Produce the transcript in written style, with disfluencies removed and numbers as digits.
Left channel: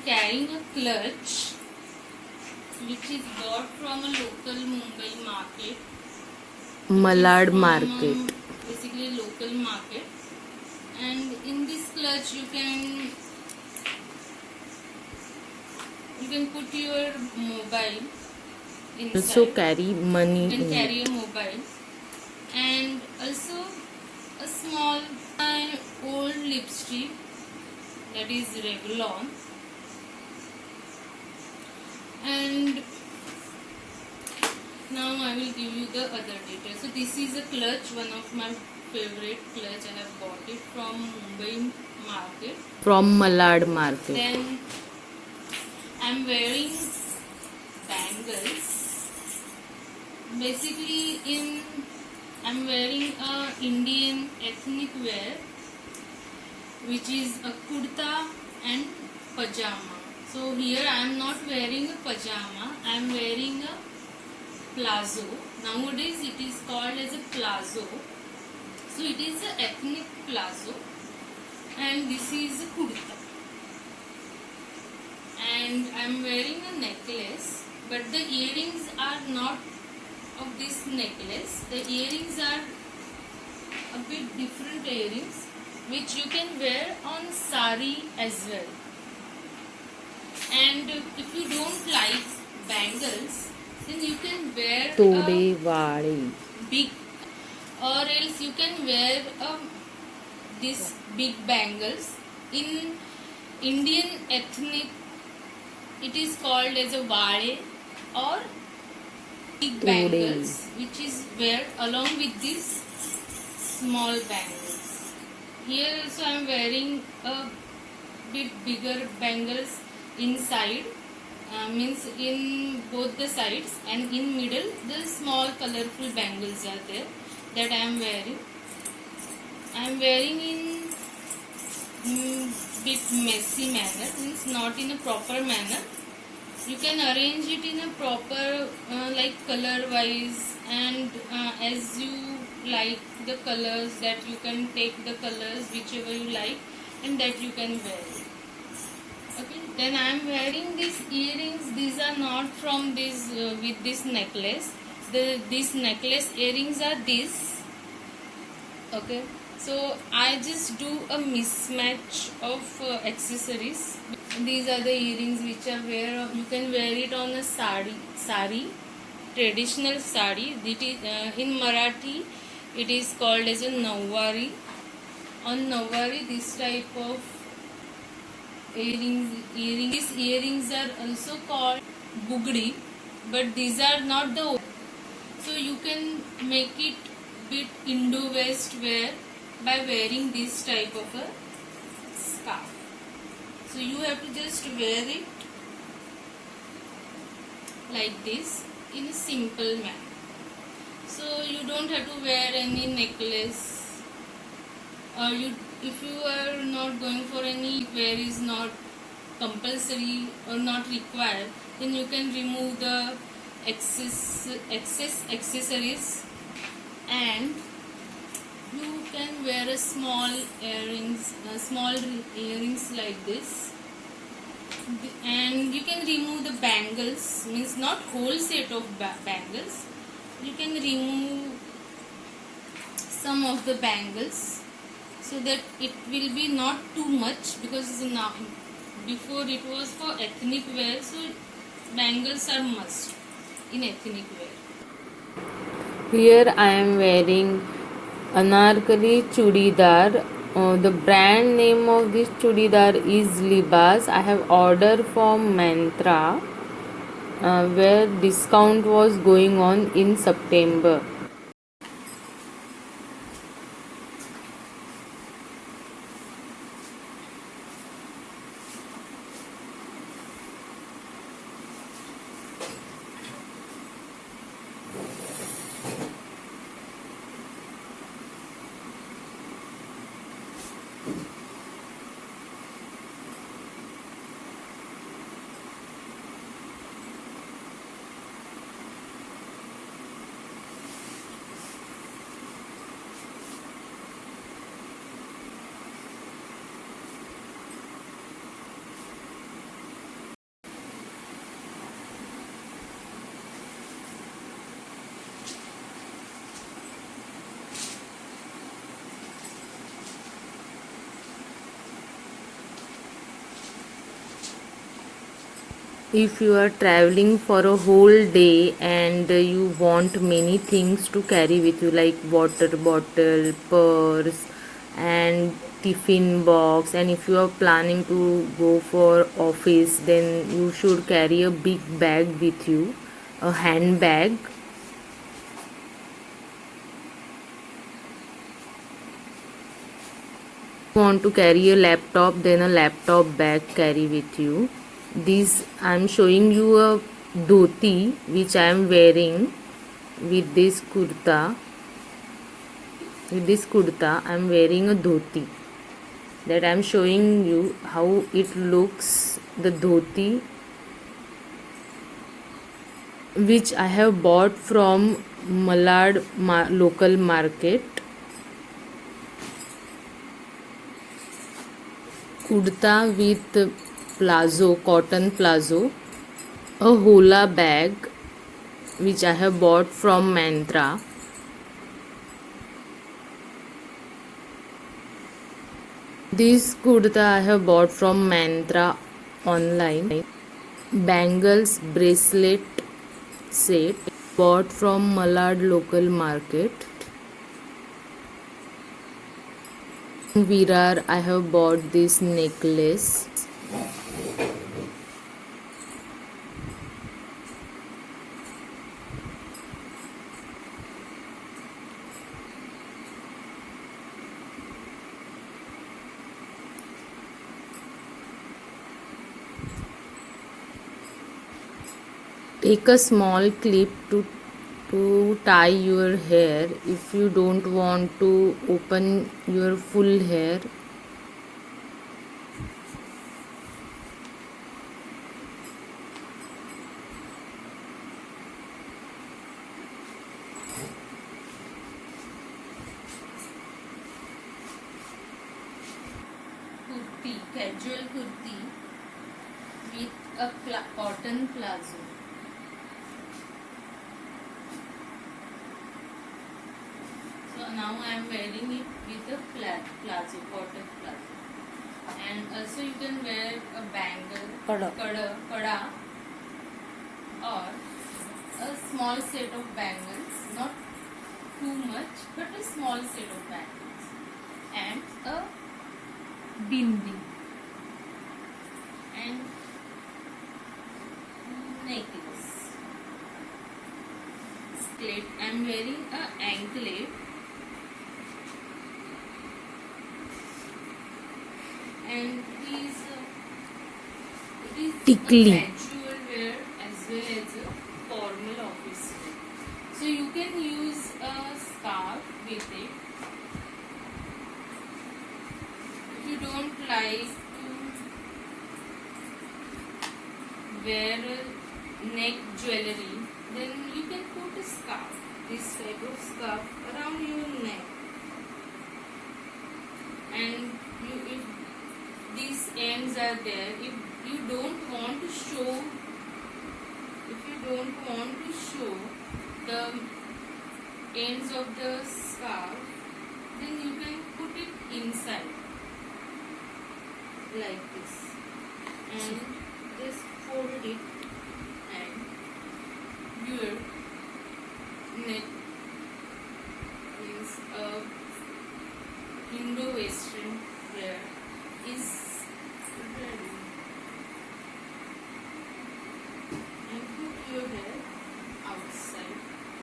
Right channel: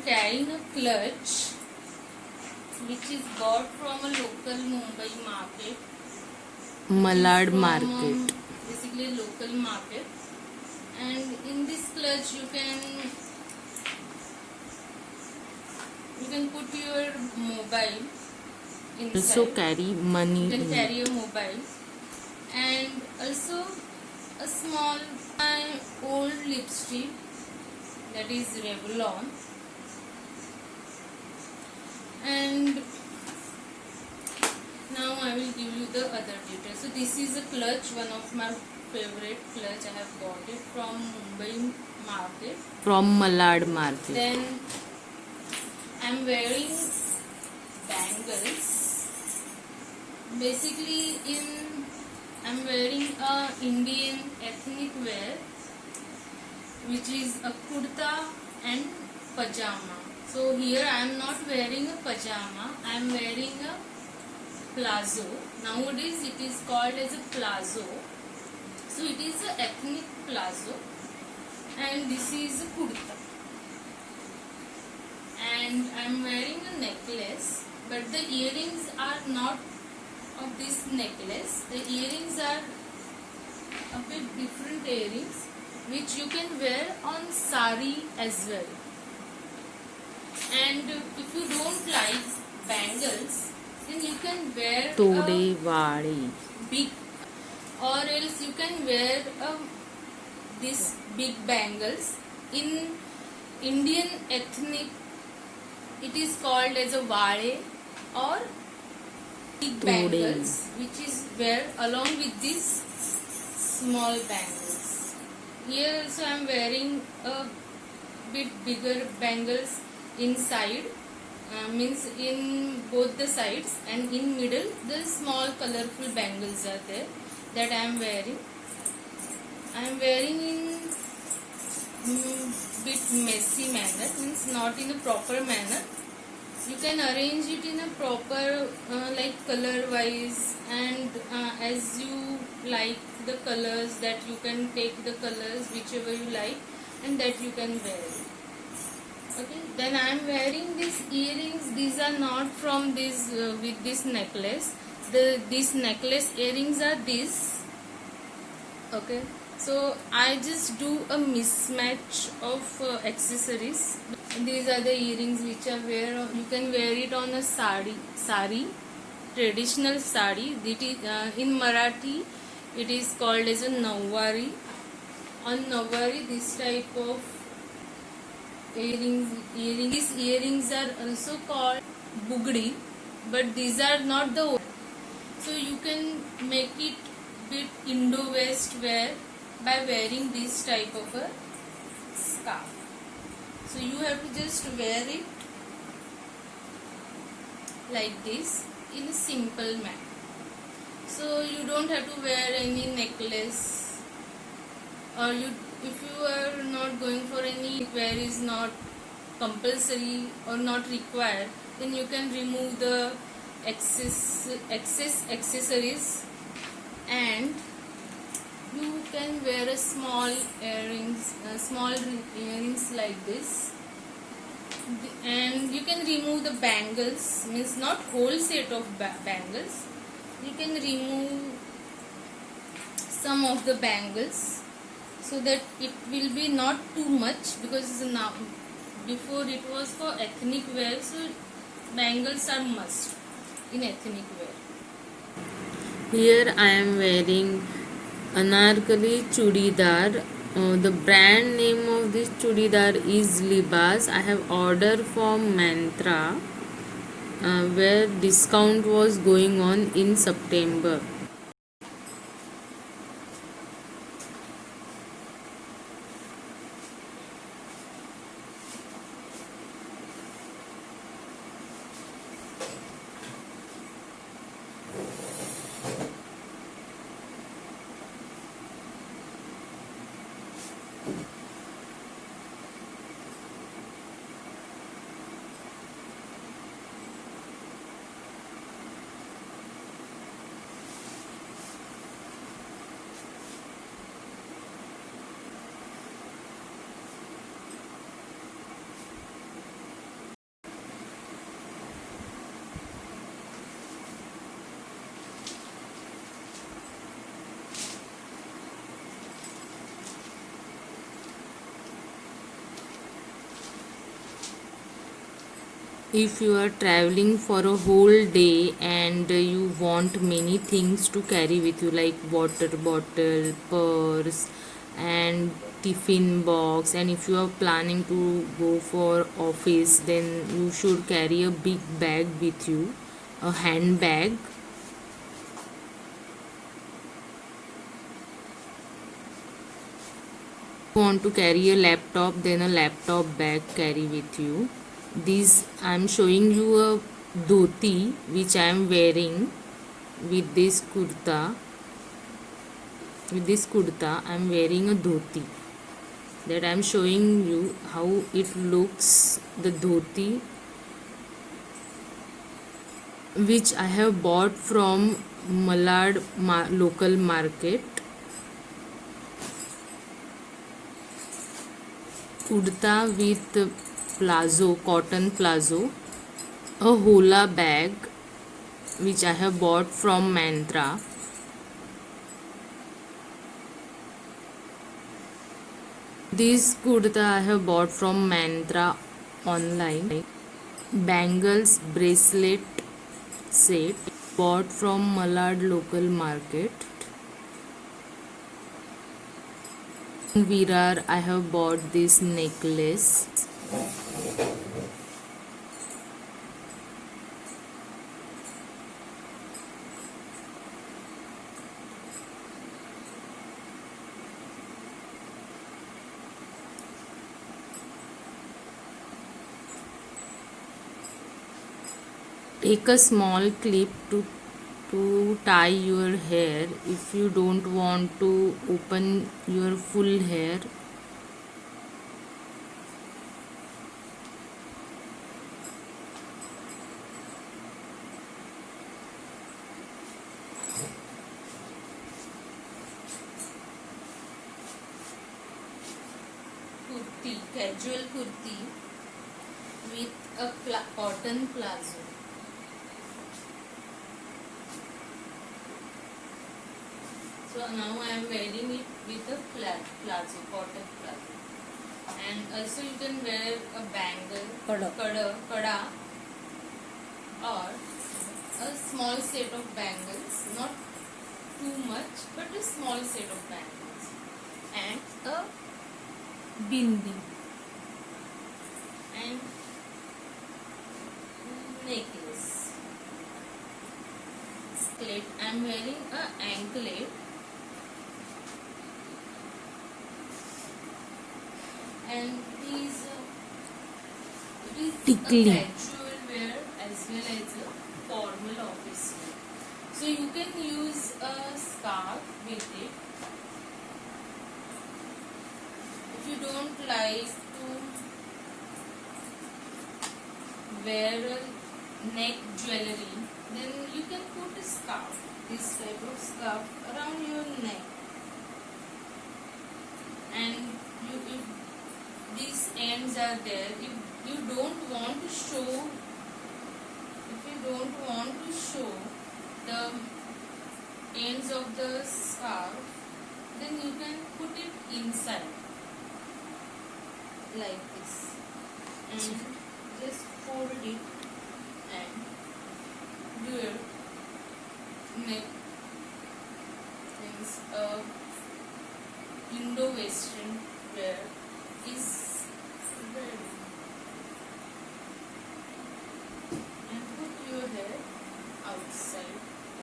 am carrying a clutch which is bought from a local Mumbai market. Malad market. Basically local market. And in this clutch you can put your mobile inside. Also carry money. You can carry your mobile, and also a small old lipstick, that is Revlon. And now I will give you the other details. So this is a clutch, one of my favorite clutch. I have bought it from Mumbai market. From Malad market. Then I am wearing bangles. Basically I am wearing a Indian ethnic wear, which is a kurta and pajama. So here I am not wearing a pajama, I am wearing a plazo. Nowadays it is called as a plazo. So it is a ethnic plazo, and this is a kurta. And I am wearing a necklace, but the earrings are not of this necklace. The earrings are a bit different earrings, which you can wear on sari as well. And if you don't like bangles, then you can wear big, or else you can wear this big bangles. In Indian ethnic, it is called as a vade or big bangles, which is wear along with these small bangles. Here also I am wearing a bit bigger bangles inside, means in both the sides, and in middle the small colorful bangles are there that I am wearing. I am wearing in bit messy manner, means not in a proper manner. You can arrange it in a proper like color wise, and as you like the colors, that you can take the colors whichever you like, and that you can wear it. Okay, then I am wearing these earrings. These are not from this with this necklace. This necklace earrings are this. Okay, so I just do a mismatch of accessories. These are the earrings which are you can wear it on a sari, traditional sari. It is, in Marathi it is called as a nawari. On nawari, this type of earrings. These earrings are also called bugdi, but these are not the. So you can make it bit Indo-West wear by wearing this type of a scarf. So you have to just wear it like this in a simple manner. So you don't have to wear any necklace, or if you are not going for any wear is not compulsory or not required, then you can remove the excess accessories, and you can wear a small earrings like this, and you can remove the bangles, means not whole set of bangles. You can remove some of the bangles so that it will be not too much, because now before it was for ethnic wear, so bangles are must in ethnic wear. Here I am wearing Anarkali chudidar. The brand name of this chudidar is Libas. I have ordered from Mantra, where discount was going on in September. if you are traveling for a whole day and you want many things to carry with you like water bottle, purse and tiffin box, and if you are planning to go for office, then you should carry a big bag with you, a handbag. Want to carry a laptop, then a laptop bag carry with you. This I'm showing you a dhoti which I am wearing with this kurta. With this kurta I'm wearing a dhoti, that I'm showing you how it looks, the dhoti which I have bought from Malad local market. Kurta with plazo, cotton plazo, a hola bag which I have bought from Mantra. This kurta I have bought from Mantra online. Bangles bracelet set bought from Malad local market. In Virar I have bought this necklace. Take a small clip to tie your hair if you don't want to open your full hair. Kurti, casual kurti with a cotton plazo. So now I am wearing it with a plazo, cotton plazo. And also you can wear a bangle, kada, or a small set of bangles, not too much, but a small set of bangles, and a bindi, and necklace. I am wearing a anklet. And these it is Tickly. a casual wear as well as a formal office wear. So you can use a scarf with it. If you don't like to wear a neck jewelry, then you can put a scarf, this type of scarf around your neck. And if these ends are there, if you don't want to show the ends of the scarf, then you can put it inside like this and just fold it, and your neck means a Indo-Western wear is